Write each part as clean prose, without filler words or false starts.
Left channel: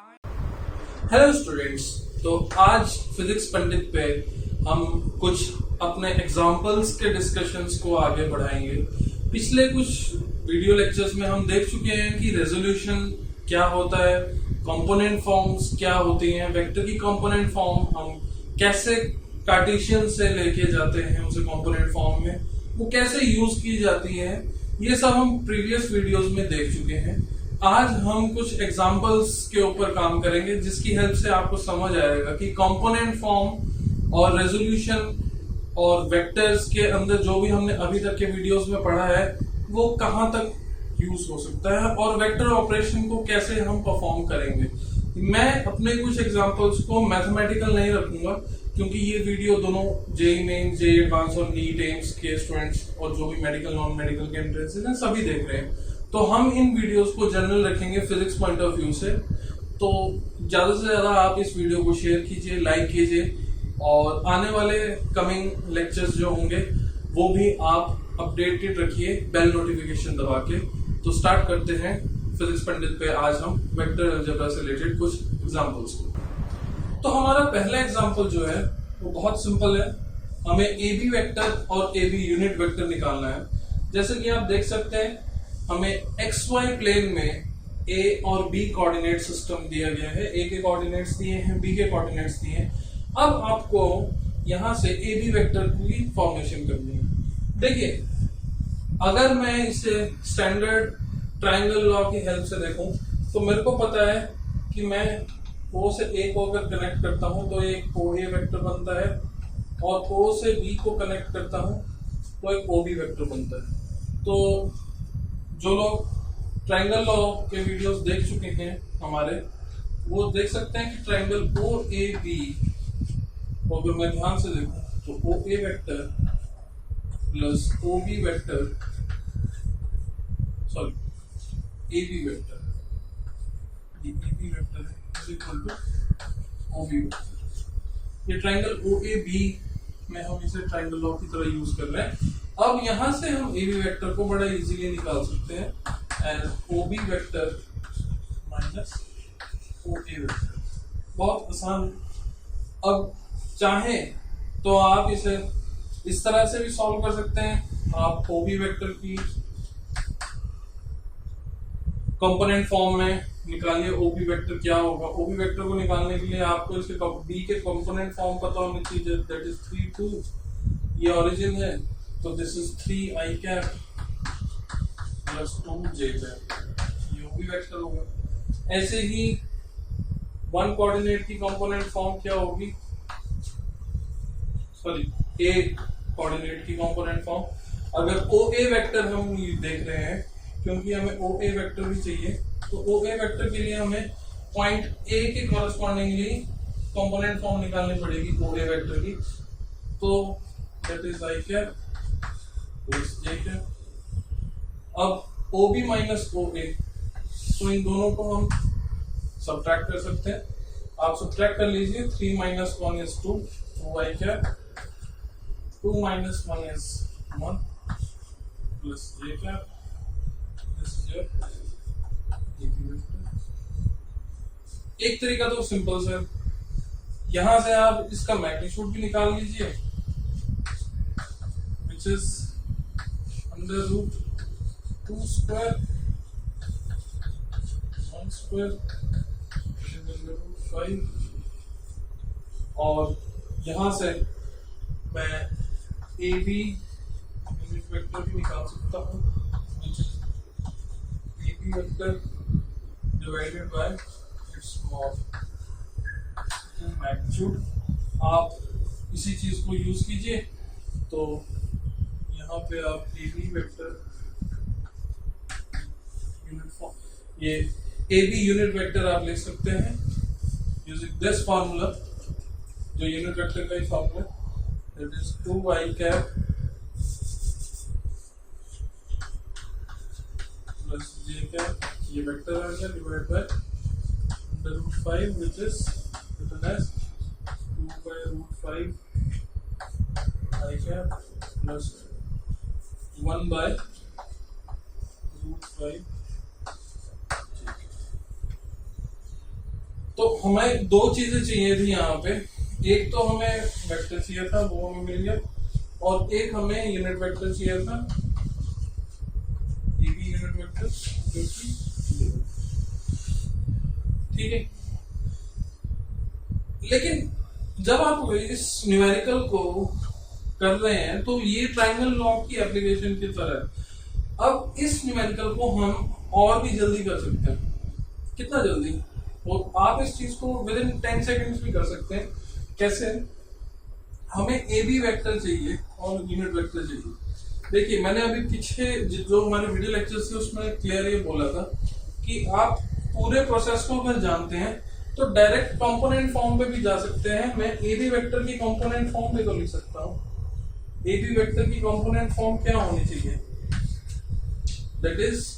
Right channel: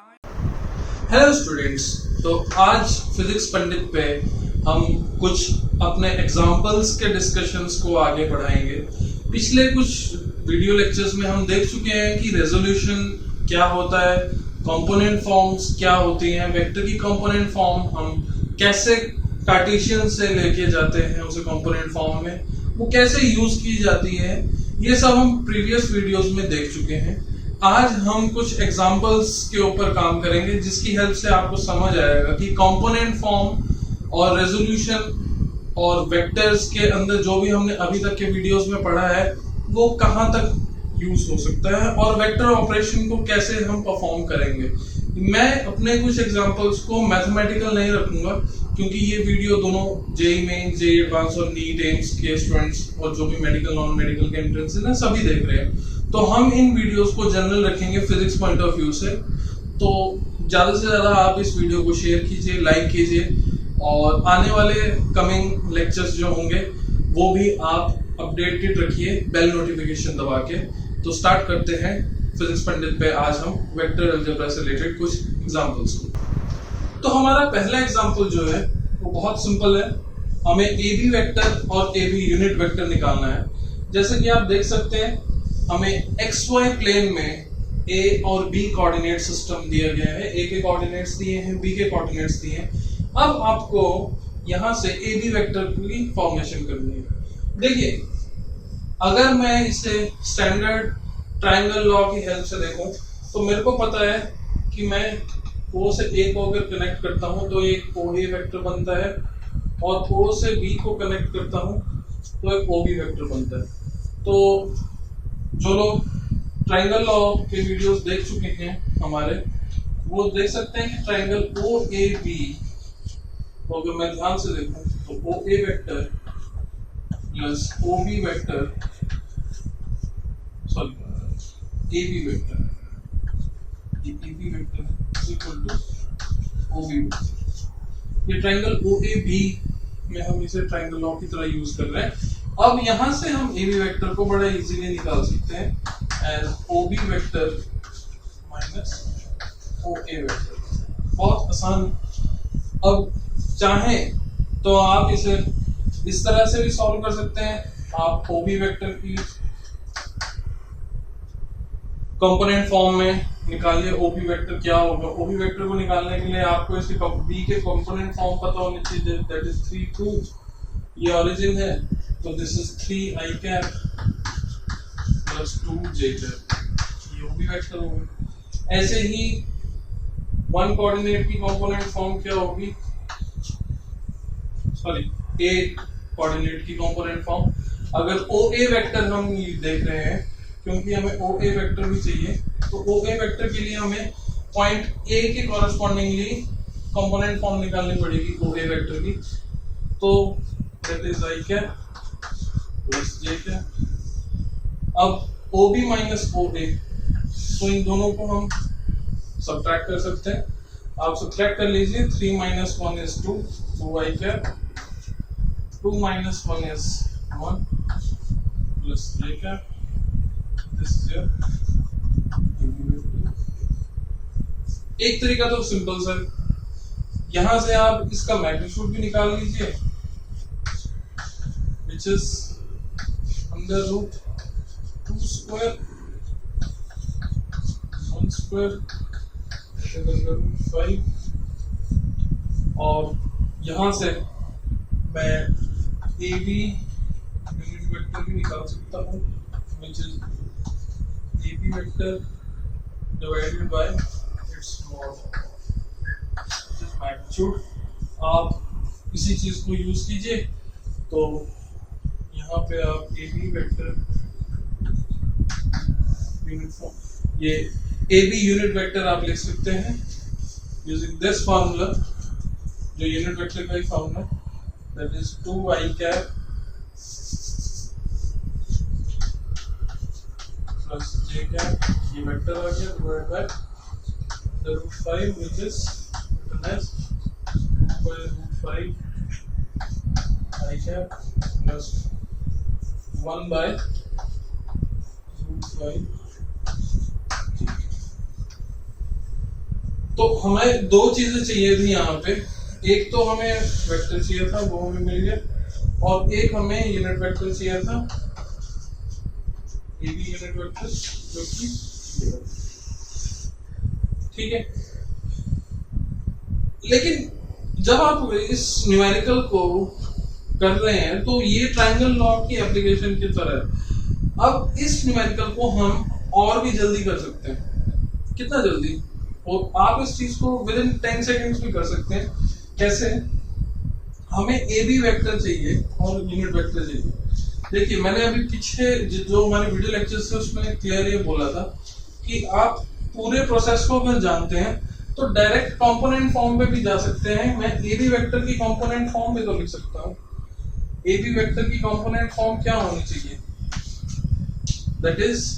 Hello students. तो आज physics पंडित पे हम कुछ अपने एग्जाम्पल्स के डिस्कशंस को आगे बढ़ाएंगे। पिछले कुछ वीडियो लेक्चर्स में हम देख चुके हैं कि रेजोल्यूशन क्या होता है, कंपोनेंट फॉर्म्स क्या होती हैं, वेक्टर की कंपोनेंट फॉर्म हम कैसे कार्टेशियन से लेके जाते हैं उसे कंपोनेंट फॉर्म में, वो कैसे यूज की जाती है, ये सब हम प्रीवियस वीडियोस में देख चुके हैं। आज हम कुछ एग्जाम्पल्स के ऊपर काम करेंगे जिसकी हेल्प से आपको समझ आएगा कि कंपोनेंट फॉर्म और रेजोल्यूशन और वेक्टर्स के अंदर जो भी हमने अभी तक के वीडियोस में पढ़ा है वो कहाँ तक यूज हो सकता है और वेक्टर ऑपरेशन को कैसे हम परफॉर्म करेंगे। मैं अपने कुछ एग्जांपल्स को मैथमेटिकल नहीं रखूंगा क्योंकि ये वीडियो दोनों जेईई मेन, जेईई एडवांस और नीट एम्स के स्टूडेंट्स और जो भी मेडिकल नॉन मेडिकल के एंट्रेंस है सभी देख रहे हैं। तो हम इन वीडियोस को जनरल रखेंगे फिजिक्स पॉइंट ऑफ व्यू से। तो ज़्यादा से ज़्यादा आप इस वीडियो को शेयर कीजिए, लाइक कीजिए और आने वाले कमिंग लेक्चर्स जो होंगे वो भी आप अपडेटेड रखिए बेल नोटिफिकेशन दबा के। तो स्टार्ट करते हैं फिजिक्स पंडित पे आज हम वेक्टर अलजेब्रा से रिलेटेड कुछ एग्जांपल्स को। तो हमारा पहला एग्जांपल जो है वो बहुत सिंपल है। हमें ए बी वेक्टर और ए बी यूनिट वेक्टर निकालना है। जैसे कि आप देख सकते हैं हमें एक्स वाई प्लेन में ए और बी कोऑर्डिनेट सिस्टम दिया गया है। ए के कोऑर्डिनेट्स दिए हैं, बी के कोऑर्डिनेट्स दिए हैं। अब आपको यहां से ए बी वेक्टर की फॉर्मेशन करनी है। देखिए, अगर मैं इसे स्टैंडर्ड ट्रायंगल लॉ की हेल्प से देखूं तो मेरे को पता है कि मैं ओ से ए को अगर कनेक्ट करता हूं तो एक ओ ए वेक्टर बनता है और ओ से बी को कनेक्ट करता हूं तो एक ओ बी वेक्टर बनता है। तो जो लोग ट्रायंगल लॉ के वीडियोस देख चुके हैं हमारे, वो देख सकते हैं कि ट्रायंगल ओ ए बी को अगर मैं ध्यान से देखूं तो O A vector plus O B vector A B vector, ये ए बी वेक्टर है is equal to O B vector. ये ट्रायंगल ओ ए बी में हम इसे ट्रायंगल लॉ की तरह यूज कर रहे हैं। अब यहां से हम ए बी वेक्टर को बड़ा इजीली निकाल सकते हैं as O B vector minus O A vector. बहुत आसान। अब चाहें तो आप इसे इस तरह से भी सॉल्व कर सकते हैं। आप ओ बी वेक्टर की कंपोनेंट फॉर्म में निकालिए ओ बी वेक्टर क्या होगा। ओ बी वेक्टर को निकालने के लिए आपको इसके बी के कंपोनेंट फॉर्म पता होनी चाहिए, दैट इज 3 2। ये ओरिजिन है तो this is 3 i cap plus 2 j cap, ये ओ बी वेक्टर होगा। ऐसे ही वन कोऑर्डिनेट की कंपोनेंट फॉर्म क्या होगी, सॉरी ए कोऑर्डिनेट की कंपोनेंट फॉर्म। अगर ओ ए वेक्टर हम देख रहे हैं क्योंकि हमें ओ ए वेक्टर भी चाहिए, तो ओ ए वेक्टर के लिए हमें पॉइंट ए के कॉरस्पॉन्डिंगली कंपोनेंट फॉर्म निकालनी पड़ेगी ओ ए वेक्टर की। तो that is i cap plus j cap. अब ओ बी माइनस ओ ए, तो इन दोनों को हम सब्ट्रैक्ट कर सकते हैं। आप सब्ट्रैक्ट कर लीजिए। 3 minus 1 is 2, 2i cap, 2 minus 1 is 1 plus j cap. This is your एक तरीका तो सिंपल सर, यहां से आप इसका मैग्नीट्यूड भी निकाल लीजिए which is under root 2 square 1 square under root 5। और यहां से मैं ए बी यूनिट वेक्टर भी निकाल सकता हूं which is A B vector divided by its mod, which is magnitude. आप इसी चीज को यूज कीजिए। तो यहाँ पे आप A B vector unit form, ये ए बी यूनिट वेक्टर आप लिख सकते हैं यूजिंग दिस फार्मूला, जो यूनिट वेक्टर का ही फार्मूला, that is 2i cap plus j cap. ये वेक्टर आ गया divide by under root 5 which is written as 2 by root 5 i cap plus 1 by root 5 j। तो हमें दो चीजें चाहिए थी यहाँ पे, एक तो हमें वेक्टर चाहिए था, वो हमें मिल गया, और एक हमें यूनिट वेक्टर चाहिए था, ये भी यूनिट वेक्टर, जो कि ठीक है। लेकिन जब आप इस न्यूमेरिकल को कर रहे हैं तो ये ट्रायंगल लॉ की एप्लीकेशन की तरह है। अब इस न्यूमेरिकल को हम और भी जल्दी कर सकते हैं। कितना जल्दी? और आप इस चीज को विद इन 10 सेकेंड्स भी कर सकते हैं। कैसे? हमें ए बी वेक्टर चाहिए और यूनिट वेक्टर चाहिए। देखिए, मैंने अभी पीछे जो हमारे वीडियो लेक्चर्स थे उसमें क्लियर ये बोला था कि आप पूरे प्रोसेस को अगर जानते हैं तो डायरेक्ट कंपोनेंट फॉर्म पे भी जा सकते हैं। मैं ए बी वेक्टर की कंपोनेंट फॉर्म पे तो लिख सकता हूँ। ए बी वेक्टर की कंपोनेंट फॉर्म क्या होनी चाहिए? That is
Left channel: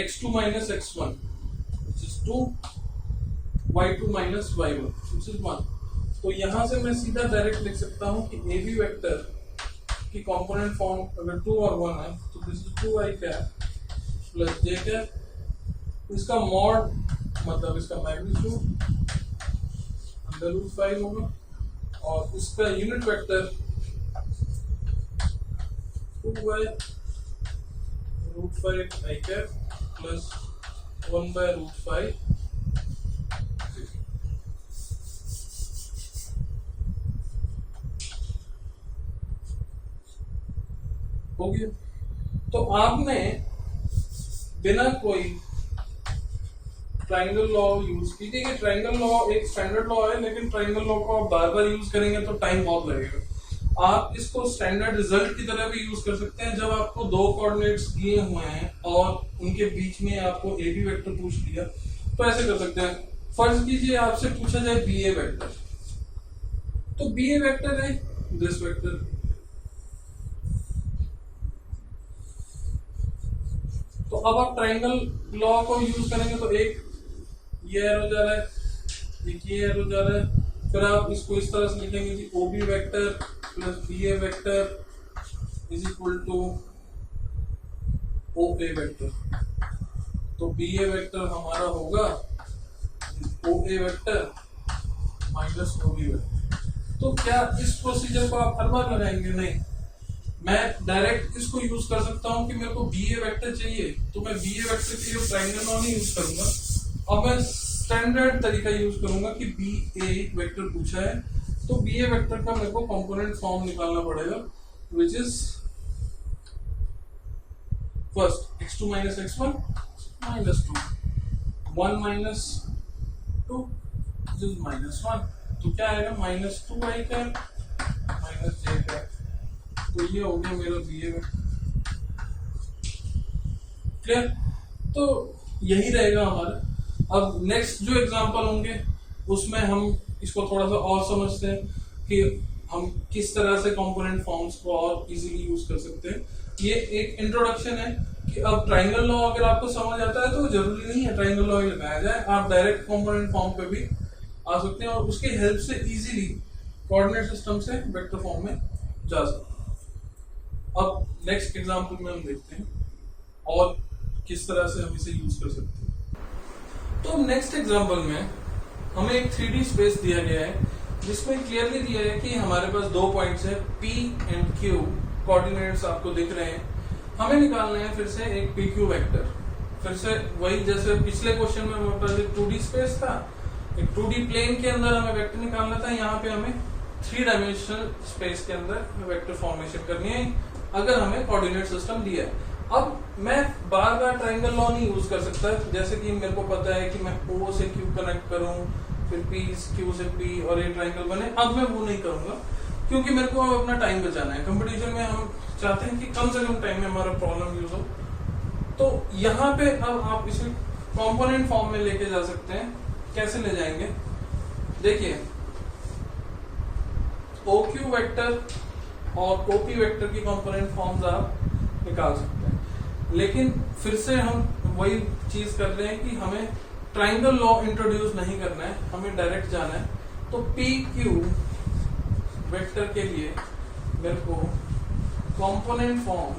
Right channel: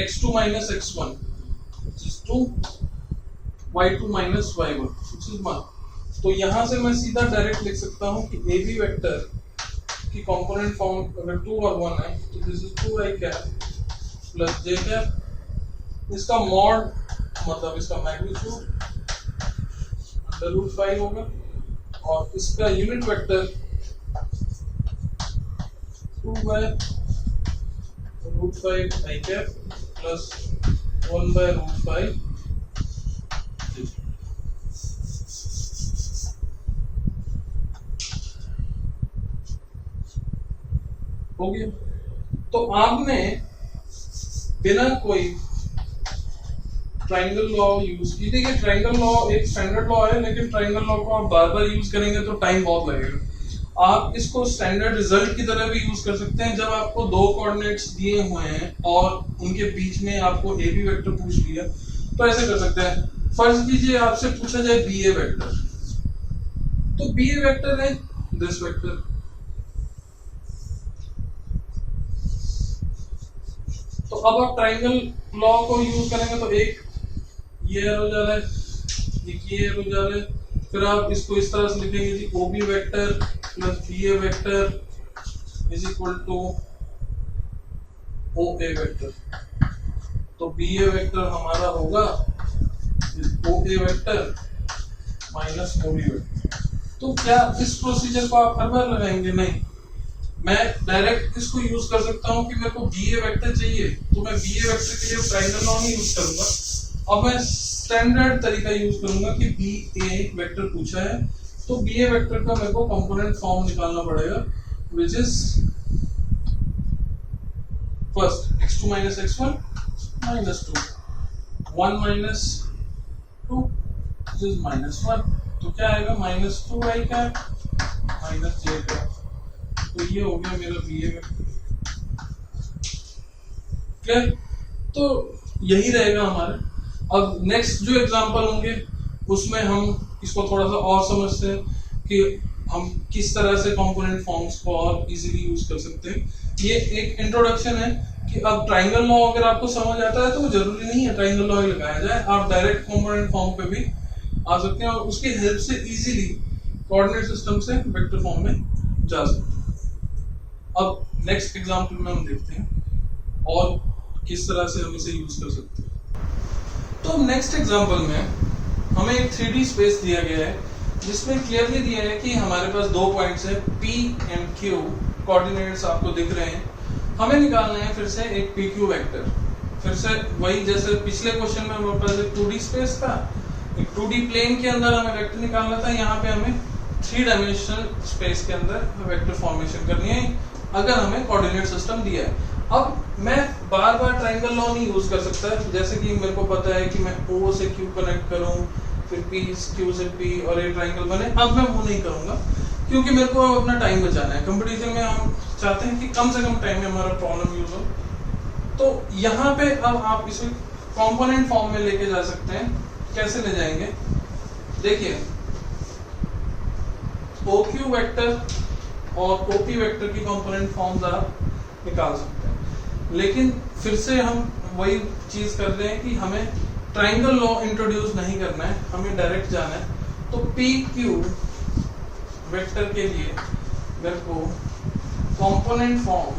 x2 minus x1 which is 2, y2 minus y1 which is 1। तो यहां से मैं सीधा डायरेक्ट लिख सकता हूं कि ए बी वेक्टर की कंपोनेंट फॉर्म अगर 2 और 1 है तो this is 2i cap plus j cap, इसका मॉड मतलब इसका मैग्नीट्यूड अंडर रूट 5 होगा, और इसका unit vector 2 by root 5 i cap plus 1 by root 5 हो गया। तो आपने बिना कोई ट्रायंगल लॉ यूज की, देखिए ट्रायंगल लॉ एक स्टैंडर्ड लॉ है, लेकिन ट्रायंगल लॉ को आप बार बार यूज करेंगे तो टाइम बहुत लगेगा। आप इसको स्टैंडर्ड रिजल्ट की तरह भी यूज कर सकते हैं। जब आपको दो कोऑर्डिनेट्स दिए हुए हैं और उनके बीच में आपको ए बी वेक्टर पूछ लिया तो ऐसे कर सकते हैं। फर्ज कीजिए आपसे पूछा जाए बी ए वेक्टर, तो बी ए वेक्टर है दिस वेक्टर। तो अब आप ट्रायंगल लॉ को यूज करेंगे तो एक ये हो जा रहा है, एक ये हो जा रहा है, फिर आप इसको इस तरह से लिखेंगे जी O B vector plus B A vector is equal to O A vector. तो बी ए वेक्टर हमारा होगा O A vector minus O B vector. तो क्या इस प्रोसीजर को आप हर बार लगाएंगे? नहीं, मैं डायरेक्ट इसको यूज कर सकता हूं कि मेरे को बी ए वेक्टर चाहिए तो मैं बी ए वेक्टर के लिए ट्रायंगल लॉ नहीं यूज करूंगा। अब मैं स्टैंडर्ड तरीका यूज करूंगा कि बी ए वेक्टर पूछा है तो बी ए वेक्टर का मेरे को कंपोनेंट फॉर्म निकालना पड़ेगा, which is first x2 minus x1 minus 2, 1 minus 2 this is -1। तो क्या आएगा? -2i cap minus j cap. तो ये हो गया मेरा बी ए वेक्टर। क्लियर? तो यही रहेगा हमारा। अब नेक्स्ट जो एग्जांपल होंगे उसमें हम इसको थोड़ा सा और समझते हैं कि हम किस तरह से कंपोनेंट फॉर्म्स को और इजीली यूज कर सकते हैं। ये एक इंट्रोडक्शन है कि अब ट्रायंगल लॉ अगर आपको समझ आता है तो जरूरी नहीं है ट्रायंगल लॉ ही लगाया जाए, आप डायरेक्ट कंपोनेंट फॉर्म पे भी आ सकते हैं और उसकी हेल्प से इजीली कोऑर्डिनेट सिस्टम से वेक्टर फॉर्म में जा सकते हैं। अब नेक्स्ट एग्जांपल में हम देखते हैं और किस तरह से हम इसे यूज कर सकते हैं। तो नेक्स्ट एग्जांपल में हमें एक 3D स्पेस दिया गया है जिसमें क्लियरली दिया है कि हमारे पास दो पॉइंट्स है P एंड Q, कोऑर्डिनेट्स आपको दिख रहे हैं। हमें निकालना है फिर से एक PQ वेक्टर। फिर से वही जैसे पिछले क्वेश्चन में हमारे पास एक 2D स्पेस था, एक 2D प्लेन के अंदर हमें वेक्टर निकालना था। यहाँ पे हमें 3 डायमेंशनल स्पेस के अंदर वेक्टर फॉर्मेशन करनी है अगर हमें कोऑर्डिनेट सिस्टम दिया है। अब मैं बार बार ट्रायंगल लॉ नहीं यूज कर सकता, जैसे कि मेरे को पता है कि मैं O से Q कनेक्ट करूं, फिर P Q से P और ये ट्रायंगल बने। अब मैं वो नहीं करूंगा क्योंकि मेरे को अपना टाइम बचाना है। कंपटीशन में हम चाहते हैं कि कम से कम टाइम में हमारा प्रॉब्लम यूज हो। तो यहाँ पे अब आप इसे कंपोनेंट फॉर्म में लेके जा सकते हैं। कैसे ले जाएंगे? देखिए, OQ वेक्टर और OP वेक्टर की कंपोनेंट फॉर्म्स आप निकाल सकते हैं, लेकिन फिर से हम वही चीज कर रहे हैं कि हमें ट्रायंगल लॉ इंट्रोड्यूस नहीं करना है, हमें डायरेक्ट जाना है। तो PQ वेक्टर के लिए मेरे को component form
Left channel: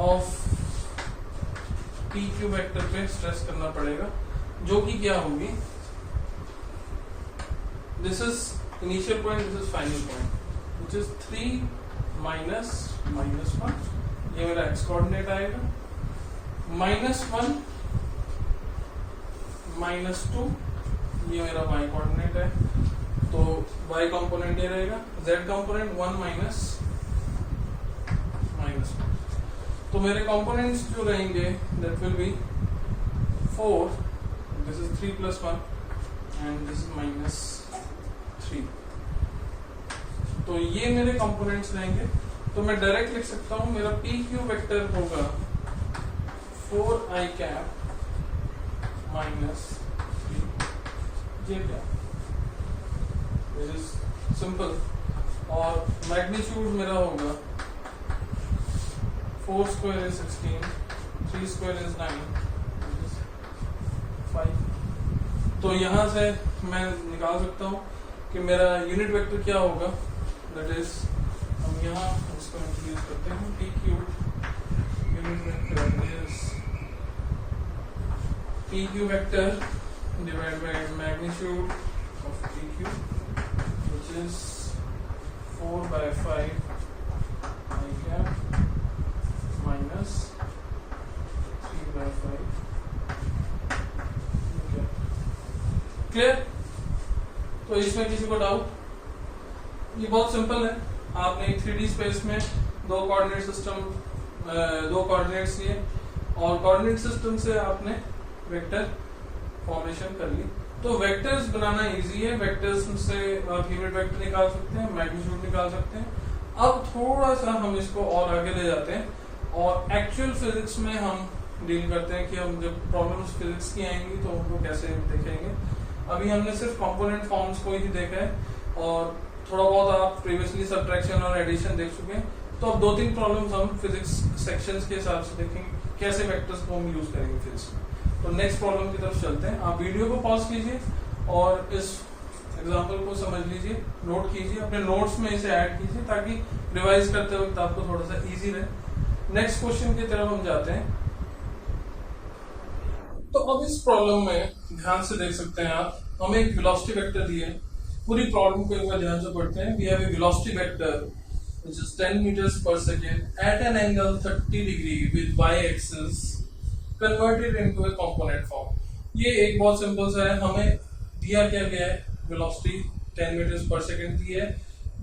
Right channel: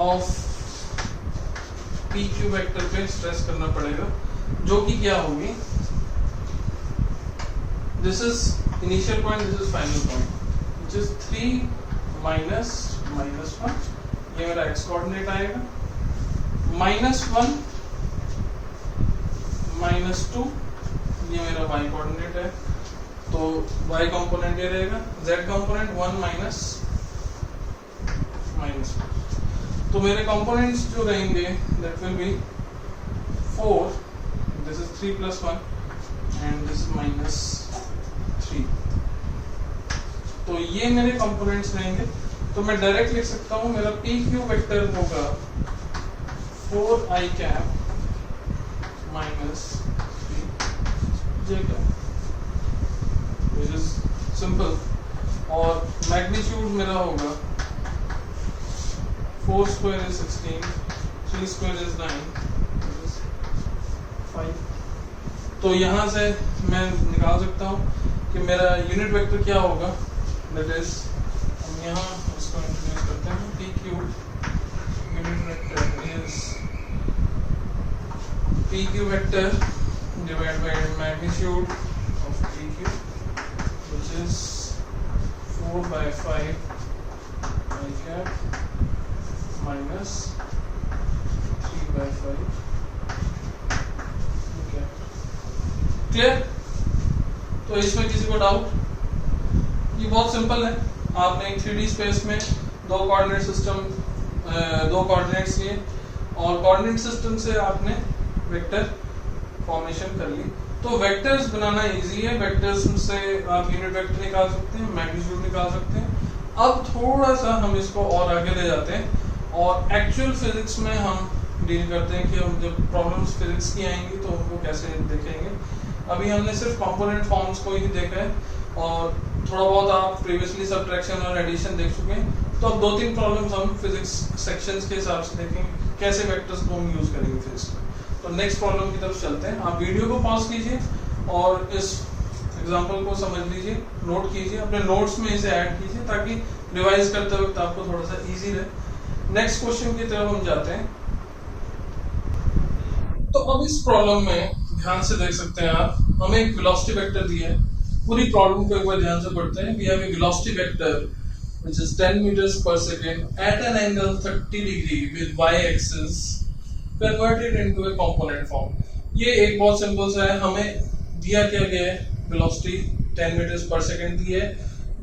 of P Q vector पे स्ट्रेस करना पड़ेगा, जो कि क्या होगी, this is initial point, this is final point, which is 3 minus -1, ये मेरा एक्स कोऑर्डिनेट आएगा, -1 -2, ये मेरा y कोऑर्डिनेट है, तो y कंपोनेंट ये रहेगा, z कंपोनेंट 1 माइनस -1, तो मेरे कंपोनेंट्स जो रहेंगे that will be 4, this is 3 + 1 and this is -3, तो ये मेरे कंपोनेंट्स रहेंगे। तो मैं डायरेक्ट लिख सकता हूँ मेरा पी क्यू वेक्टर होगा 4i cap -3j cap, which is simple, और मैग्नीट्यूड मेरा होगा 4 स्क्वायर इज 16, 3 स्क्वायर इज 9, 5, तो यहाँ से मैं निकाल सकता हूँ कि मेरा यूनिट वेक्टर क्या होगा, दैट इज, हम यहाँ उसको इंट्रोड्यूस करते हैं, P Q unit vector is P Q vector divide by magnitude of P Q, which is 4/5 I cap minus 3/5 okay. Clear? तो इसमें किसी को डाउट? ये बहुत सिंपल है, आपने एक 3D स्पेस में दो कोऑर्डिनेट सिस्टम, दो कोऑर्डिनेट्स लिए और कोऑर्डिनेट सिस्टम से आपने वेक्टर फॉर्मेशन कर ली। तो वेक्टर्स बनाना इजी है, वेक्टर्स से आप यूनिट वेक्टर निकाल सकते हैं, मैग्नीट्यूड निकाल सकते हैं। अब थोड़ा सा हम इसको और आगे ले जाते हैं और एक्चुअल फिजिक्स में हम डील करते हैं कि हम जब प्रॉब्लम्स फिजिक्स की आएंगी तो उनको कैसे देखेंगे। अभी हमने सिर्फ कंपोनेंट फॉर्म्स को ही देखा है और थोड़ा बहुत आप प्रीवियसली सब्ट्रैक्शन और एडिशन देख चुके हैं, तो अब 2-3 प्रॉब्लम्स हम फिजिक्स सेक्शंस के हिसाब से देखेंगे कैसे वेक्टर्स को हम यूज करेंगे फिजिक्स में। तो नेक्स्ट प्रॉब्लम की तरफ चलते हैं। आप वीडियो को पॉज कीजिए और इस एग्जांपल को समझ लीजिए, नोट कीजिए, अपने नोट्स में इसे ऐड कीजिए ताकि रिवाइज करते वक्त आपको थोड़ा सा इजी रहे। नेक्स्ट क्वेश्चन की तरफ हम जाते हैं। तो अब इस प्रॉब्लम में ध्यान से देख सकते हैं आप, हमें एक वेलोसिटी वेक्टर दिया है। पूरी प्रॉब्लम को एक बार ध्यान से पढ़ते हैं। We have a velocity vector which is 10 meters per second at an angle 30 degree with y axis converted into a component form। ये एक बहुत सिंपल सा है, हमें दिया क्या गया है, वेलोसिटी 10 meters per second दी है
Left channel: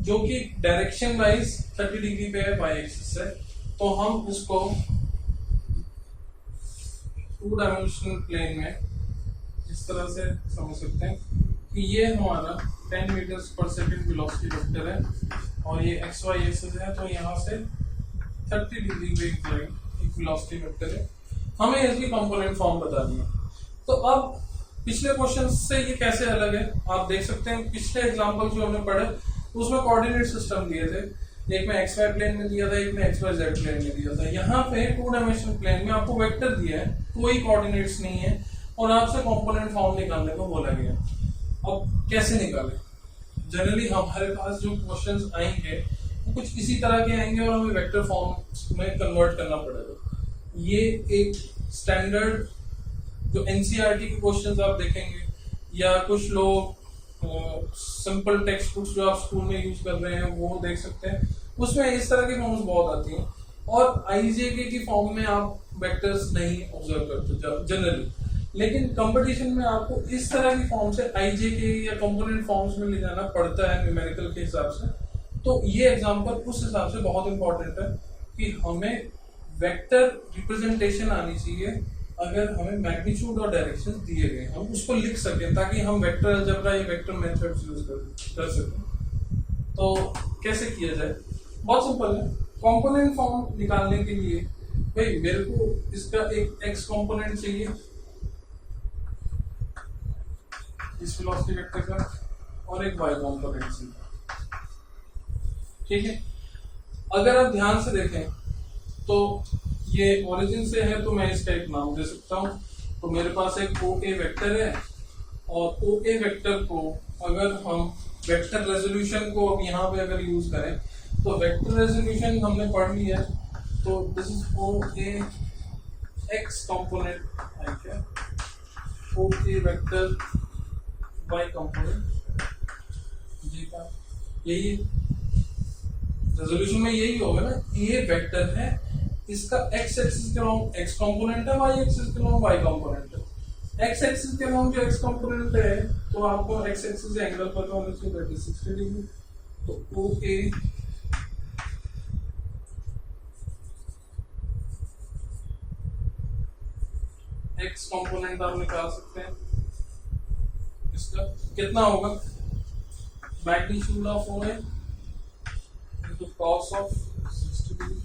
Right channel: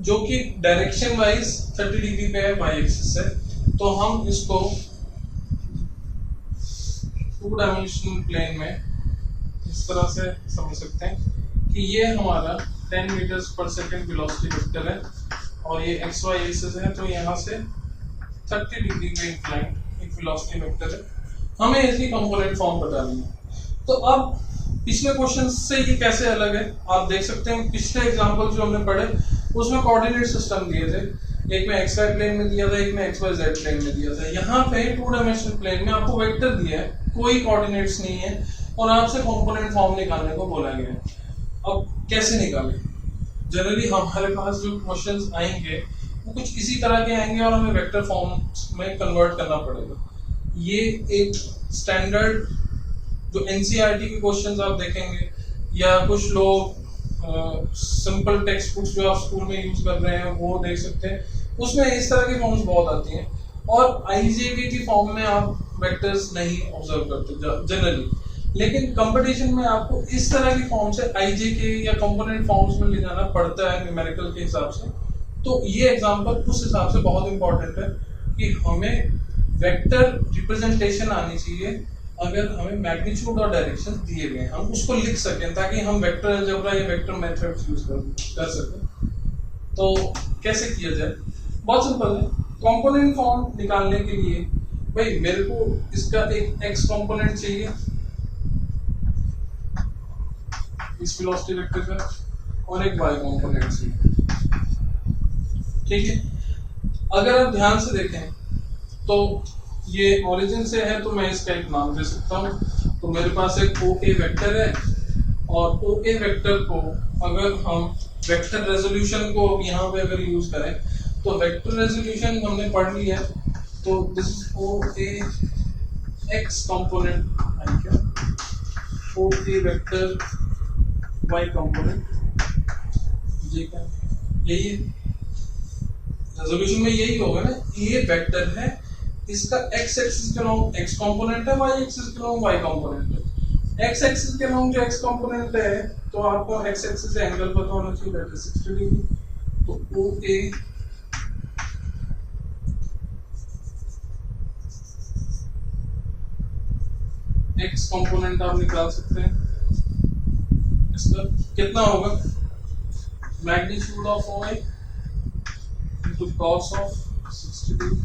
जो कि डायरेक्शन वाइज 30 डिग्री पे है y एक्सिस से। तो हम इसको 2 डायमेंशनल प्लेन में इस तरह से समझ सकते हैं कि ये हमारा 10 meters per second velocity vector है और ये एक्स वाई एक्सिस है, तो यहाँ से 30 डिग्री पे इंक्लाइन एक वेलोसिटी वेक्टर है। हमें इसकी कंपोनेंट फॉर्म बतानी है। तो अब पिछले क्वेश्चन से ये कैसे अलग है आप देख सकते हैं। पिछले एग्जांपल जो हमने पढ़े उसमें कोऑर्डिनेट सिस्टम दिए थे, एक में एक्स वाई प्लेन में दिया था, एक में एक्स वाई जेड प्लेन में दिया था। यहाँ पे 2 डायमेंशनल प्लेन में आपको वेक्टर दिया है, कोई कोऑर्डिनेट्स नहीं है और आपसे कंपोनेंट फॉर्म निकालने को बोला गया है। अब कैसे निकालें? जनरली हमारे पास जो क्वेश्चंस आएंगे वो कुछ इसी तरह के आएंगे और हमें वेक्टर फॉर्म में कन्वर्ट करना पड़ेगा। ये एक स्टैंडर्ड जो एनसीईआरटी के क्वेश्चंस आप देखेंगे या कुछ लोग सिंपल टेक्स्ट बुक्स जो आप स्कूल में यूज कर रहे हैं वो देख सकते हैं, उसमें इस तरह की फॉर्म्स बहुत आती हैं और आईजेके की फॉर्म में आप वेक्टर्स नहीं ऑब्जर्व करते जनरली। लेकिन कंपटीशन में आपको इस तरह की फॉर्म से आईजेके या कंपोनेंट फॉर्म्स में ले जाना पड़ता है न्यूमेरिकल के हिसाब से। तो ये एग्जांपल उस हिसाब से बहुत इंपॉर्टेंट है कि हमें वेक्टर रिप्रेजेंटेशन आनी चाहिए। अगर हमें मैग्नीट्यूड और डायरेक्शन दिए गए हम उसको लिख सकें ताकि हम वेक्टर अलजेब्रा या वेक्टर मेथड्स यूज कर सकें। तो कैसे किया जाए? बहुत सिंपल है। कंपोनेंट फॉर्म निकालने के लिए भाई मेरे को इसका एक एक्स कंपोनेंट चाहिए इस वेलोसिटी वेक्टर का और एक y कंपोनेंट से, ठीक है। अगर आप ध्यान से देखें तो ये ओरिजिन से है तो मैं इसका एक नाम दे सकता हूँ। तो मेरे पास एक OA वेक्टर है और OA वेक्टर को अगर हम वेक्टर रेजोल्यूशन को यहाँ पे अगर यूज करें तो वेक्टर रेजोल्यूशन हमने पढ़ लिया है। तो this is OA x component I cap OK vector y component j cap। यही रेजोल्यूशन में यही होगा ना, ये वेक्टर है, इसका x एक्सिस के लॉन्ग x कंपोनेंट है, y एक्सिस के लॉन्ग y कंपोनेंट है। x एक्सिस के लॉन्ग जो x कंपोनेंट है तो आपको x एक्सिस से एंगल पता होना चाहिए, दैट इज 60 डिग्री। तो OA x कंपोनेंट आप निकाल सकते हैं, इसका कितना होगा, magnitude of OA into cos of 60 degree,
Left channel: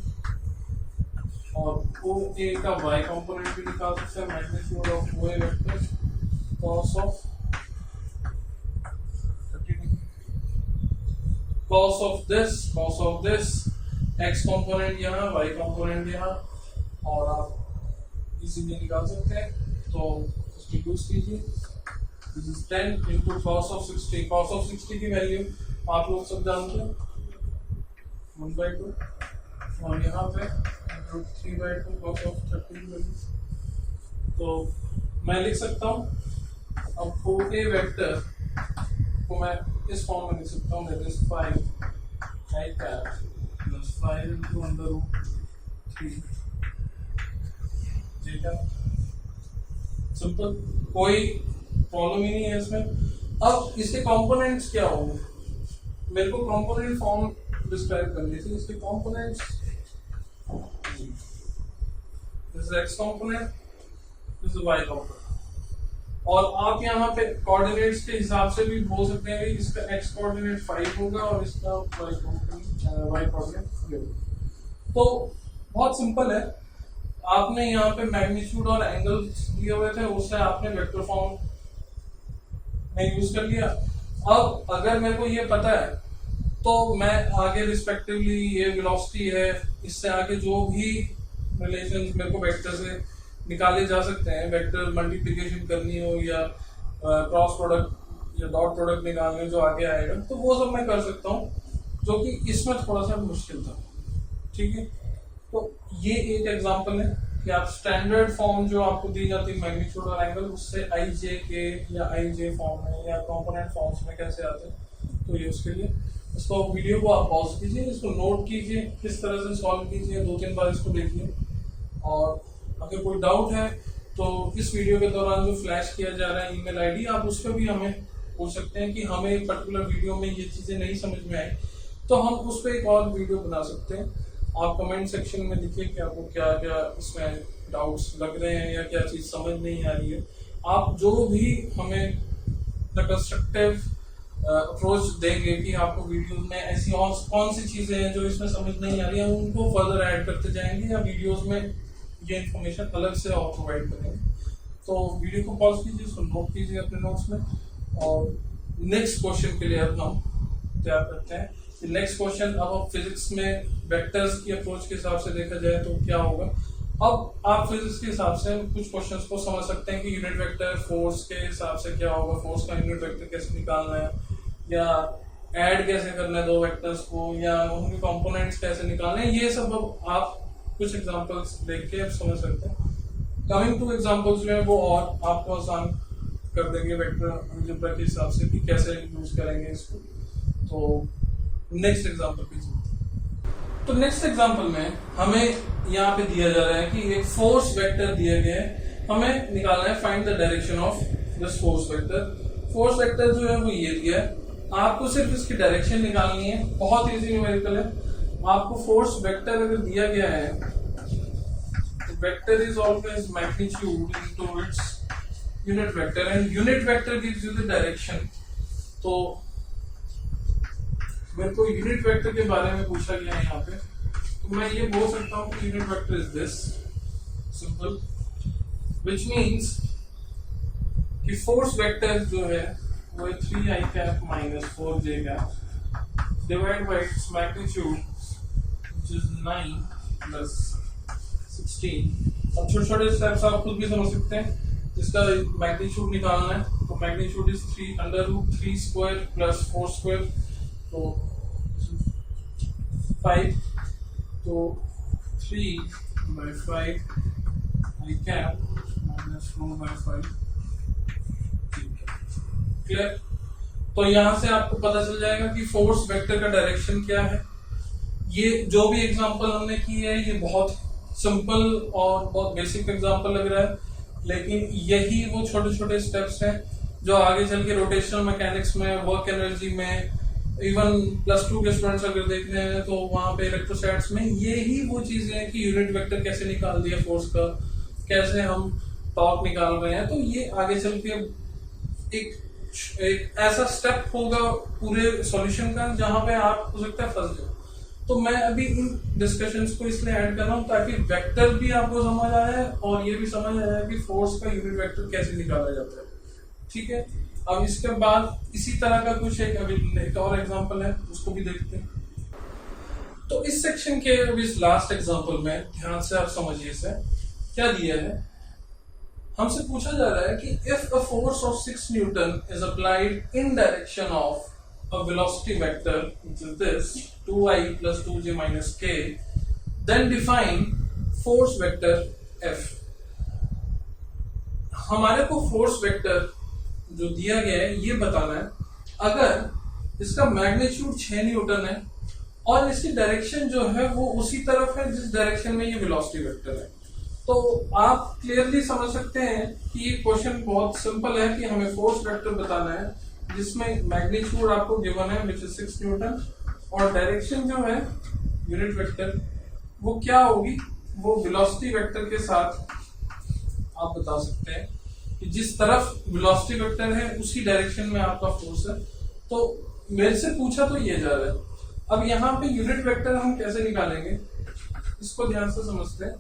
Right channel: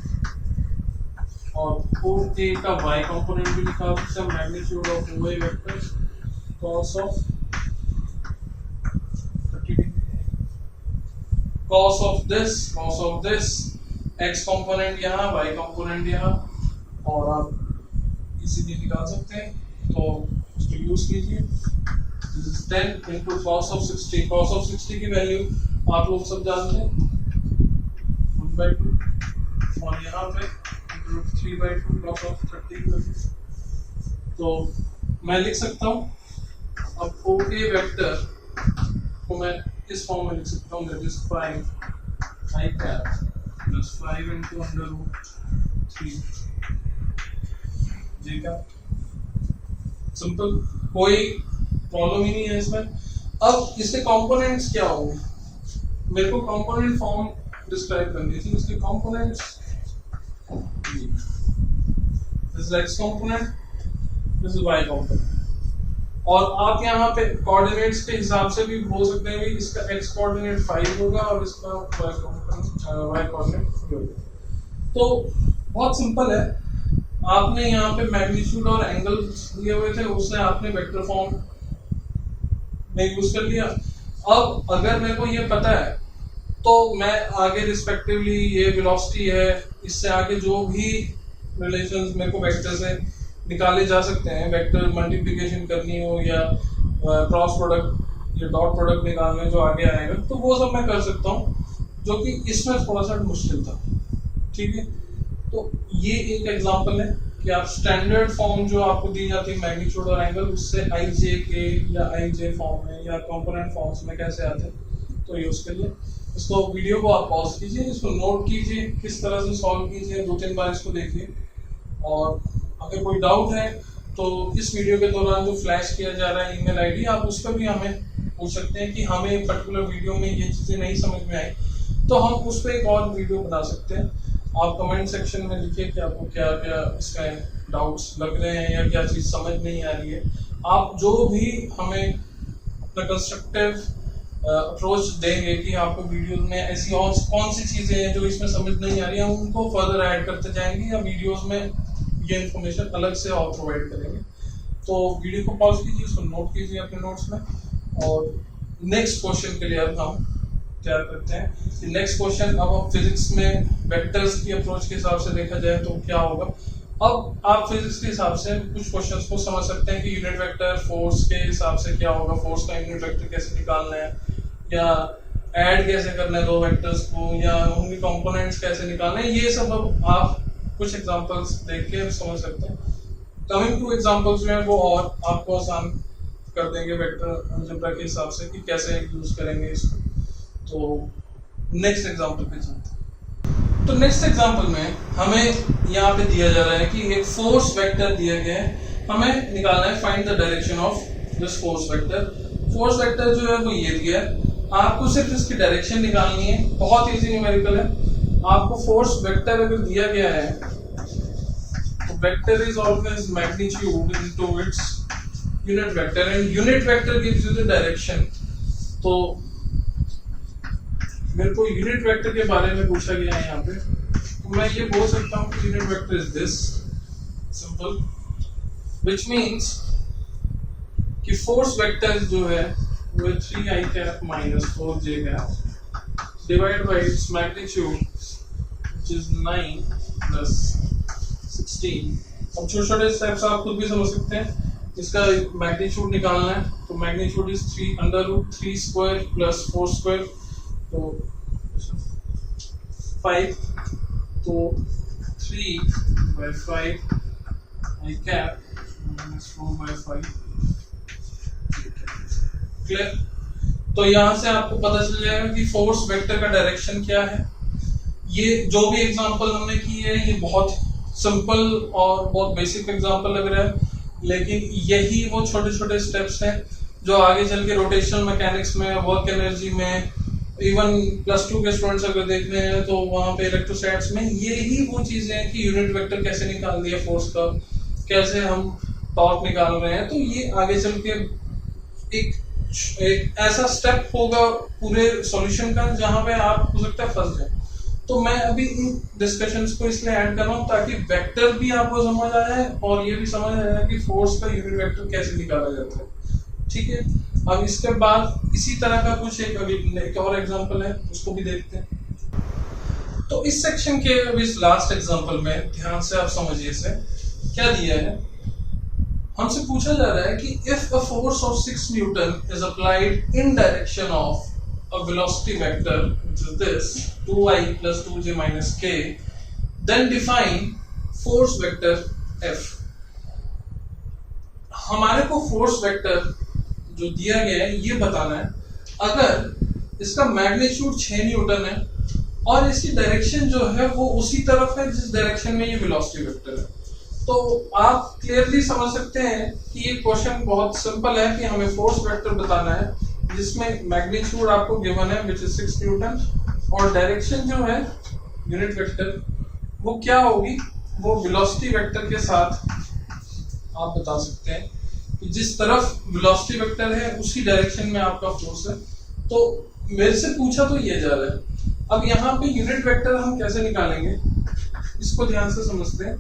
और OA का y कंपोनेंट भी निकाल सकते हैं, magnitude of OA vector cos of 30 degree, cos of this x component यहाँ, y कंपोनेंट यहाँ, और आप इजीली निकाल सकते हैं। तो उसको यूज कीजिए, this is 10 into cos of 60। cos of 60 की वैल्यू आप लोग सब जानते हैं 1/2, और यहाँ पे 3/2 cos ऑफ 30 की वैल्यू। तो मैं लिख सकता हूँ अब OA वेक्टर को मैं इस फॉर्म में लिख सकता हूँ, that is 5 I cap plus 5 into √3 j cap। Simple, कोई प्रॉब्लम ही नहीं है इसमें। अब इसके कंपोनेंट्स क्या होंगे, मेरे को कंपोनेंट फॉर्म डिस्क्राइब करनी थी। इसके components, this is x component, this is y component, और आप यहाँ पे कोऑर्डिनेट्स के हिसाब से भी बोल सकते हैं भाई इसका x कोऑर्डिनेट 5 होगा और इसका y कोऑर्डिनेट 3 होगा। तो बहुत सिंपल है, आपने यहाँ पे मैग्नीट्यूड और एंगल दिए हुए थे, उससे आपने वेक्टर फॉर्म में यूज कर लिया। अब अगर मेरे को ये पता है तो मैं आगे रिस्पेक्टिवली ये वेलोसिटी है, इससे आगे जो भी रिलेशंस मेरे को वेक्टर से निकाले जा सकते हैं, वेक्टर मल्टीप्लिकेशन करनी हो या क्रॉस प्रोडक्ट या डॉट प्रोडक्ट निकालने जो आगे आएगा, तो वो सब मैं कर सकता हूँ, जो कि इसमें थोड़ा सा मुश्किल था। ठीक है, तो ये एक एग्जांपल है कि आप स्टैंडर्ड फॉर्म जो आपको दी जाती है मैग्नीट्यूड और एंगल, उससे IJK या IJ फॉर्म में या कंपोनेंट फॉर्म्स में कैसे आते हैं, तो ये उसके लिए इसको वीडियो को आप पॉज कीजिए, इसको नोट कीजिए, किस तरह से सॉल्व कीजिए, 2-3 बार इसको देखिए, और अगर कोई डाउट है तो इस वीडियो के दौरान जो फ्लैश किया जा रहा है ईमेल आईडी, आप उस पर भी हमें पूछ सकते हैं कि हमें पर्टिकुलर वीडियो में ये चीज़ें नहीं समझ में आई, तो हम उस पर एक और वीडियो बना सकते हैं। आप कमेंट सेक्शन में लिखिए कि आपको क्या क्या इसमें डाउट्स लग रहे हैं या क्या चीज़ समझ नहीं आ रही है। आप जो भी हमें अपना कंस्ट्रक्टिव अप्रोच देंगे कि आपको वीडियो में ऐसी और कौन सी चीज़ें हैं जो इसमें समझ नहीं आ रही हैं, उनको फर्दर ऐड करते जाएंगे या वीडियोस में ये इन्फॉर्मेशन अलग से और प्रोवाइड करेंगे। तो वीडियो को पॉज कीजिए, उसको नोट कीजिए अपने नोट्स में, और नेक्स्ट क्वेश्चन के लिए अब हम तैयार करते हैं। नेक्स्ट क्वेश्चन, अब फिजिक्स में वेक्टर्स की अप्रोच के हिसाब से देखा जाए तो क्या होगा। अब आप फिजिक्स के हिसाब से कुछ क्वेश्चंस को समझ सकते हैं कि यूनिट वेक्टर फोर्स के हिसाब से क्या होगा, फोर्स का यूनिट वेक्टर कैसे निकालना है, या ऐड कैसे करना है दो वेक्टर्स को, या उनके कंपोनेंट्स कैसे निकालना है, ये सब अब आप कुछ एग्जांपल्स देख के समझ सकते हैं। कमिंग टू एग्जांपल्स में वो और आपको आसान कर देंगे वेक्टर अलजेब्रा के हिसाब से कि कैसे यूज करेंगे इसको। तो नेक्स्ट एग्जांपल पे चलते हैं। तो नेक्स्ट एग्जांपल में हमें यहाँ पे दिया जा रहा है कि एक फोर्स वेक्टर दिया गया है, हमें निकालना है find the direction of this force vector. Force vector जो है वो ये दिया है, आपको सिर्फ इसकी डायरेक्शन निकालनी है, बहुत इजी न्यूमेरिकल है। आपको फोर्स वेक्टर अगर दिया गया है तो vector is always magnitude into its unit vector, and unit vector gives you the direction. तो मेरे को यूनिट वेक्टर के बारे में पूछा गया है यहाँ पे, तो मैं ये बोल सकता हूँ कि unit vector is this simple, which means कि फोर्स वेक्टर जो है वो 3i cap minus 4j cap divided by its magnitude which is 9 plus 16। अब छोटे छोटे स्टेप्स आप खुद भी समझ सकते हैं। इसका मैग्नीट्यूड निकालना है तो magnitude is 3 under root 3 square plus 4 square, तो 5, तो 3/5 आई कैप -4/5। क्लियर? तो यहां से आपको पता चल जाएगा कि फोर्स वेक्टर का डायरेक्शन क्या है। ये जो भी एग्जांपल हमने की है ये बहुत सिंपल और बहुत बेसिक एग्जांपल लग रहा है, लेकिन यही वो छोटे छोटे स्टेप्स हैं जो आगे चल के रोटेशनल मैकेनिक्स में, वर्क एनर्जी में, इवन +2 के स्टूडेंट्स अगर देख रहे हैं तो वहां पे इलेक्ट्रोस्टैट्स में यही वो चीजें हैं कि यूनिट वेक्टर कैसे निकाल दिया फोर्स का, कैसे हम टॉर्क निकाल रहे हैं। तो ये आगे चल के एक ऐसा स्टेप होगा पूरे सॉल्यूशन का जहां पे आप हो सकता है फंस जाए। तो मैं अभी इन डिस्कशंस को इसलिए ऐड कर रहा हूं ताकि वेक्टर भी आपको समझ आ जाए और ये भी समझ आ जाए कि फोर्स का यूनिट वेक्टर कैसे निकाला जाता है। ठीक है, अब इसके बाद इसी तरह का कुछ एक और एग्जांपल है, उसको भी देखते हैं। तो इस सेक्शन के अभी इस लास्ट एग्जांपल में ध्यान से आप समझिए इसे क्या दिया है। हमसे पूछा जा रहा है कि if a force of 6 Newton is applied in direction of a velocity vector which is this 2i plus 2j minus k, then define force vector F। हमारे को फोर्स वेक्टर जो दिया गया है ये बताना है, अगर इसका मैग्नीट्यूड 6 न्यूटन है और इसकी डायरेक्शन जो है वो उसी तरफ है जिस डायरेक्शन में ये वेलोसिटी वेक्टर है, तो आप क्लियरली समझ सकते हैं कि ये क्वेश्चन बहुत सिंपल है कि हमें फोर्स वेक्टर बताना है जिसमें मैग्नीट्यूड आपको गिवन है विच इज 6 न्यूटन और डायरेक्शन जो है यूनिट वेक्टर वो क्या होगी, वो वेलोसिटी वेक्टर के साथ आप बता सकते हैं कि जिस तरफ वेलोसिटी वेक्टर है उसी डायरेक्शन में आपका फोर्स है। तो मेरे से पूछा तो ये जा रहा है। अब यहाँ पे यूनिट वेक्टर हम कैसे निकालेंगे इसको ध्यान से समझते हैं।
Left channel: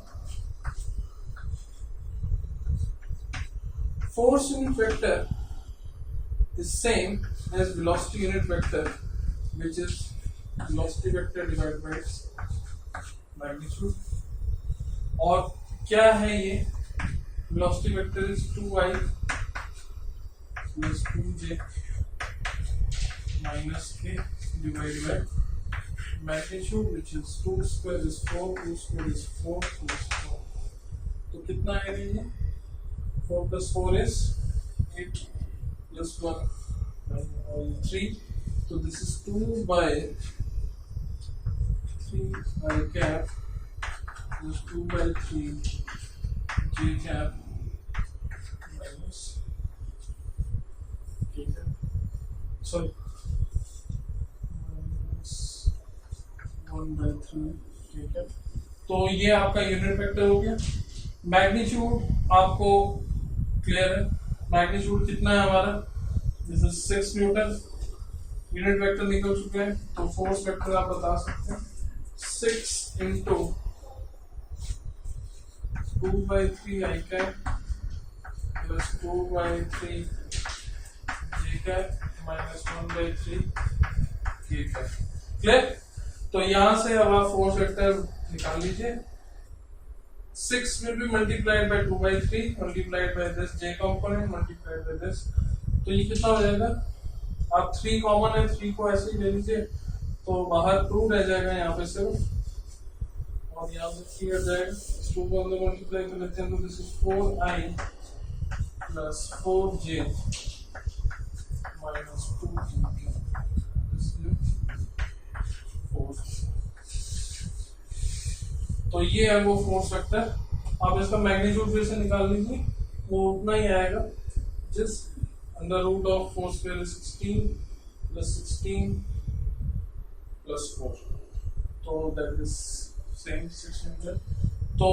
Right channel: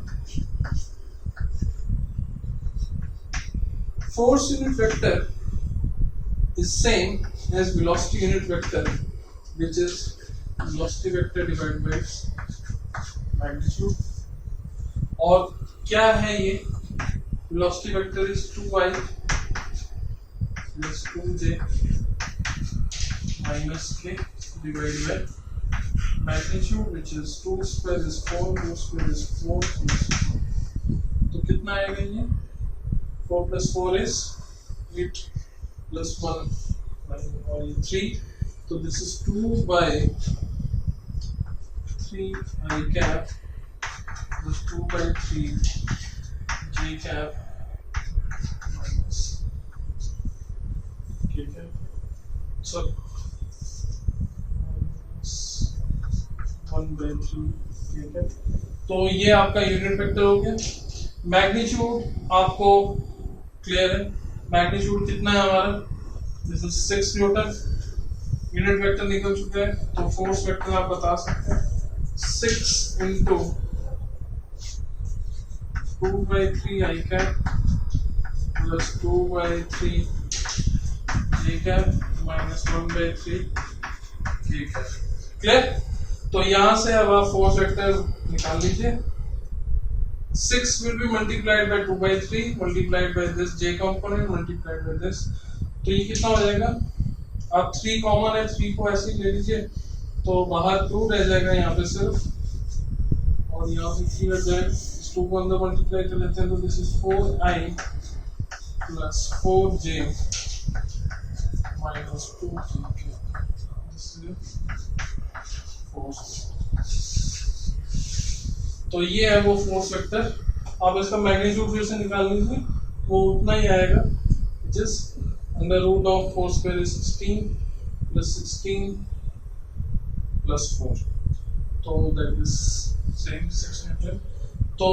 Force unit vector is same as velocity unit vector, which is velocity vector divided by magnitude। और क्या है ये velocity vector is 2i plus 2j minus k divided by magnitude which is 2 square is 4, 2 square is 4, 2 is 4। तो कितना आएगा ये 4 plus 4 is 8 plus 1 और 3, तो this is 2 by 3 I cap plus 2 by 3 j cap minus k cap, sorry minus 1 by 3 k cap। तो ये आपका unit vector हो गया। मैग्नीट्यूड आपको क्लियर है, मैग्नीट्यूड कितना है हमारा, this is 6 Newton. Unit vector निकल चुका है तो फोर्स वेक्टर आप बता सकते हैं 6 into 2 by 3 I cap plus 2 by 3 j cap minus 1 by 3 k cap। Clear? तो यहां से अब आप फोर्स वेक्टर निकाल लीजिए। 6 will be multiplied by 2 by 3 multiplied by this j component multiplied by this, तो ये कितना हो जाएगा, अब 3 कॉमन है, 3 को ऐसे ही ले लीजिए तो बाहर 2 रह जाएगा यहाँ पे सिर्फ और यहाँ से 3 रह जाएगा। इस 2 को अंदर मल्टीप्लाई कर लेते हैं तो this is 4i plus 4j minus 2j, this is force. तो ये है वो फोर्स वेक्टर। आप इसका मैग्नीट्यूड फिर से निकाल लीजिए, वो उतना ही आएगा जिस under root of 4 square is 16 plus 16 plus 4, तो दैट इज सेम 6 न्यूटन। तो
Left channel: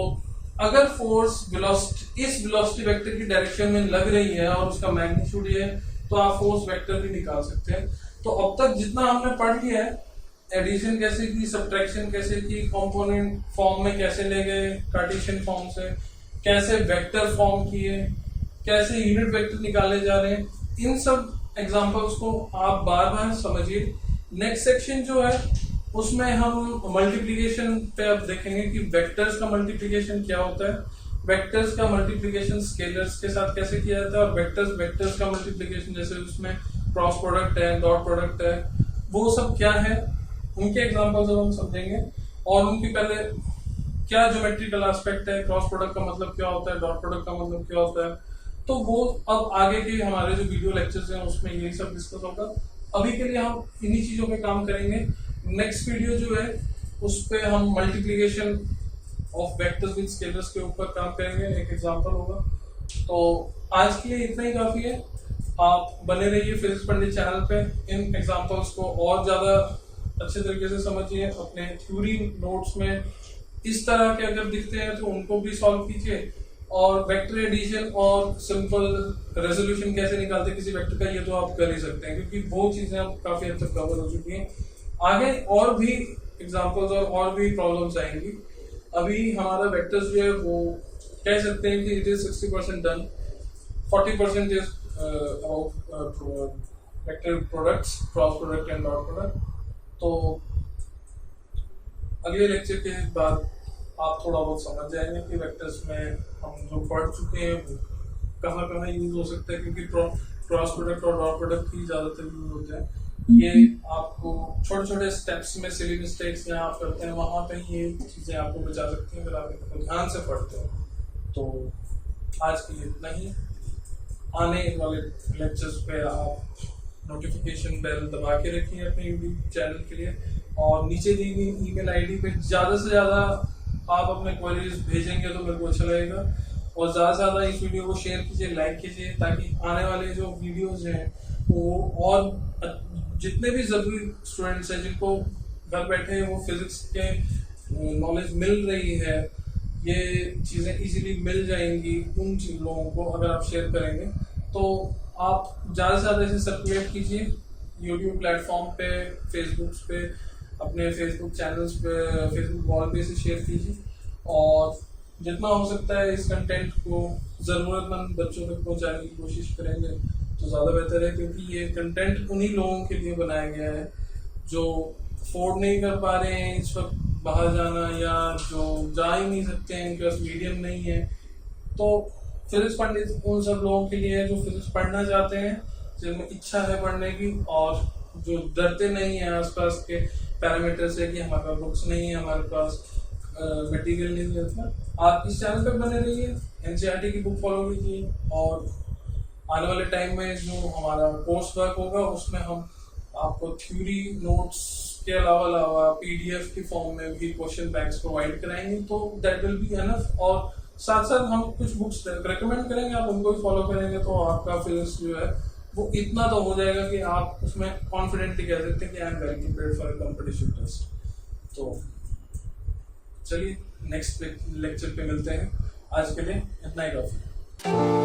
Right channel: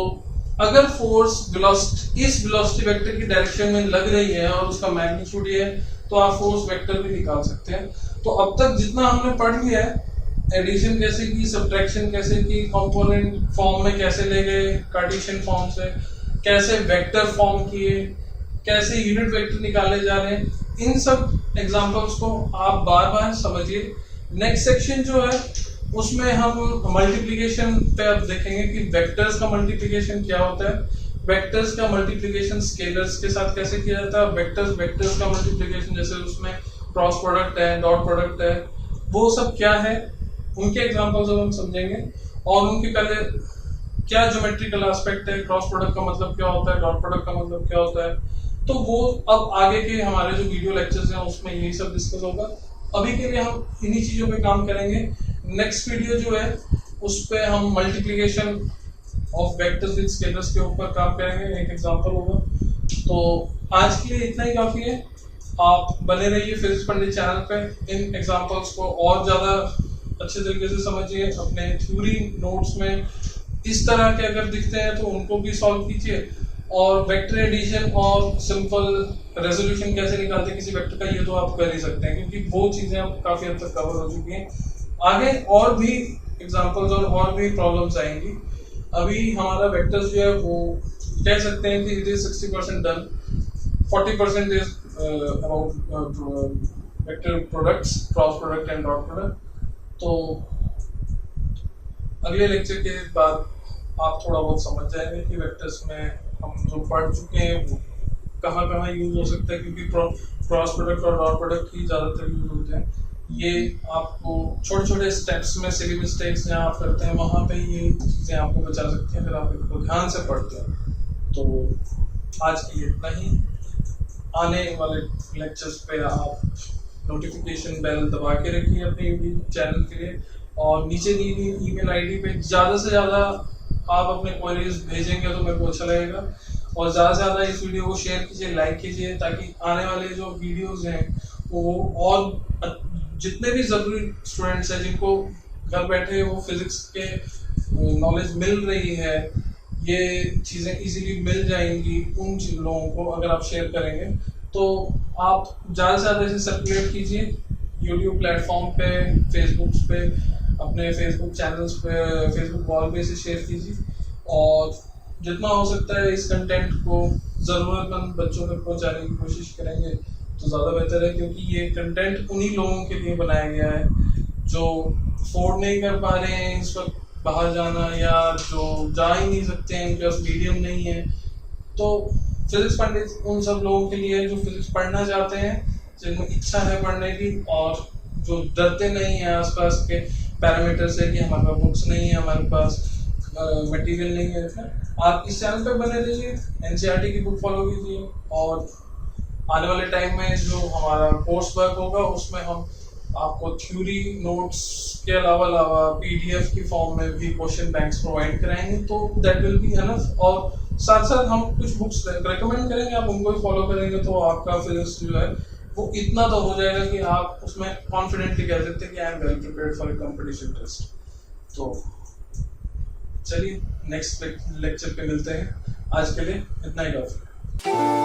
अगर फोर्स वेलोसिटी इस वेलोसिटी वेक्टर की डायरेक्शन में लग रही है और उसका मैग्नीट्यूड ये है तो आप फोर्स वेक्टर भी निकाल सकते हैं। तो अब तक जितना हमने पढ़ लिया है, एडिशन कैसे की, सब्ट्रैक्शन कैसे की, कंपोनेंट फॉर्म में कैसे ले गए कार्टेशियन फॉर्म से, कैसे वेक्टर फॉर्म किए, कैसे यूनिट वेक्टर निकाले जा रहे हैं, इन सब एग्जांपल्स को आप बार बार समझिए। नेक्स्ट सेक्शन जो है उसमें हम मल्टीप्लिकेशन पे अब देखेंगे कि वेक्टर्स का मल्टीप्लिकेशन क्या होता है, वेक्टर्स का मल्टीप्लिकेशन स्केलर्स के साथ कैसे किया जाता है, वेक्टर्स का मल्टीप्लिकेशन जैसे उसमें क्रॉस प्रोडक्ट है, डॉट प्रोडक्ट है, वो सब क्या है, उनके एग्जांपल्स अब हम समझेंगे। और उनकी पहले क्या ज्योमेट्रिकल एस्पेक्ट है, क्रॉस प्रोडक्ट का मतलब क्या होता है, डॉट प्रोडक्ट का मतलब क्या होता है। तो वो अब आगे के हमारे जो वीडियो लेक्चर्स हैं उसमें यही सब डिस्कस होगा। अभी के लिए हम इन्हीं चीज़ों पे काम करेंगे। नेक्स्ट वीडियो जो है उस पे हम multiplication of vectors with scalars के ऊपर काम करेंगे, एक एग्जांपल होगा। तो आज के लिए इतना ही काफ़ी है। आप बने रहिए फिजिक्स पंडित चैनल पे, इन एग्जांपल्स को और ज़्यादा अच्छे तरीके से समझिए। अपने थ्योरी नोट्स में इस तरह के अगर दिखते हैं तो उनको भी सॉल्व कीजिए। और वेक्टर एडिशन और सिंपल रेजोल्यूशन कैसे निकालते हैं किसी वेक्टर का, ये तो आप कर ही सकते हैं, क्योंकि वो चीज़ें अब काफ़ी हद तक कवर हो चुकी हैं। आगे और भी एग्जांपल्स और भी प्रॉब्लम्स आएंगी। अभी हमारा वेक्टर्स जो है वो कह सकते हैं कि it is 60% done, 40% is about vector products, cross product and dot product. तो अगले लेक्चर के बाद आप थोड़ा बहुत समझ जाएंगे कि वेक्टर्स में हम जो पढ़ चुके हैं वो कहाँ कहाँ यूज हो सकता है, क्योंकि क्रॉस प्रोडक्ट और डॉट प्रोडक्ट ही ज़्यादातर यूज होते हैं। ये आपको छोटे छोटे स्टेप्स में सिली मिस्टेक्स जहाँ आप करते हैं वहाँ पे ये चीज़ें आपको बचा सकती हैं अगर आप इनको ध्यान से पढ़ते हैं। तो आज के लिए इतना ही। आने वाले लेक्चर्स पे आप नोटिफिकेशन बेल दबा के रखिए अपने यूट्यूब चैनल के लिए, और नीचे दी गई ईमेल आईडी पे ज़्यादा से ज़्यादा आप अपने क्वेरीज भेजेंगे तो मेरे को अच्छा लगेगा। और ज़्यादा से ज़्यादा इस वीडियो को शेयर कीजिए, लाइक कीजिए, ताकि आने वाले जो वीडियोज़ हैं वो और जितने भी ज़रूरी स्टूडेंट्स हैं जिनको घर बैठे वो फिज़िक्स के नॉलेज मिल रही है, ये चीज़ें इजीली मिल जाएंगी उन लोगों को अगर आप शेयर करेंगे। तो आप ज़्यादा से ज़्यादा इसे सर्कुलेट कीजिए यूट्यूब प्लेटफॉर्म पे, फेसबुक पे, अपने फेसबुक चैनल्स पे, फेसबुक वॉल पे इसे शेयर कीजिए। और जितना हो सकता है इस कंटेंट को ज़रूरतमंद बच्चों तक पहुंचाने की कोशिश करेंगे तो ज़्यादा बेहतर है, क्योंकि ये कंटेंट उन्हीं लोगों के लिए बनाया गया है जो अफोर्ड नहीं कर पा रहे हैं इस वक्त बाहर जाना, या जो जा ही नहीं सकते हैं, उनके पास मीडियम नहीं है। तो फिजिक्स पंडित उन सब लोगों के लिए है जो फिजिक्स पढ़ना चाहते हैं, जिनमें इच्छा है पढ़ने की, और जो डरते नहीं है आसपास के पैरामीटर से कि हमारे पास बुक्स नहीं है, हमारे पास मटेरियल नहीं है। आप इस चैनल पे बने रहिए, एनसीईआरटी की बुक फॉलो कीजिए, और आने वाले टाइम में जो हमारा कोर्स वर्क होगा उसमें हम आपको थ्योरी नोट्स के अलावा पीडीएफ की फॉर्म में भी क्वेश्चन बैंक्स प्रोवाइड कराएंगे। तो दैट विल बी एनफ। और साथ साथ हम कुछ बुक्स रेकमेंड करेंगे, आप उनको भी फॉलो करेंगे तो आपका फिजिक्स जो है वो इतना तो हो जाएगा कि आप उसमें कॉन्फिडेंटली कह सकते हैं कि I am well prepared for a competition test. तो चलिए नेक्स्ट लेक्चर पे मिलते हैं। आज के लिए इतना ही काफी।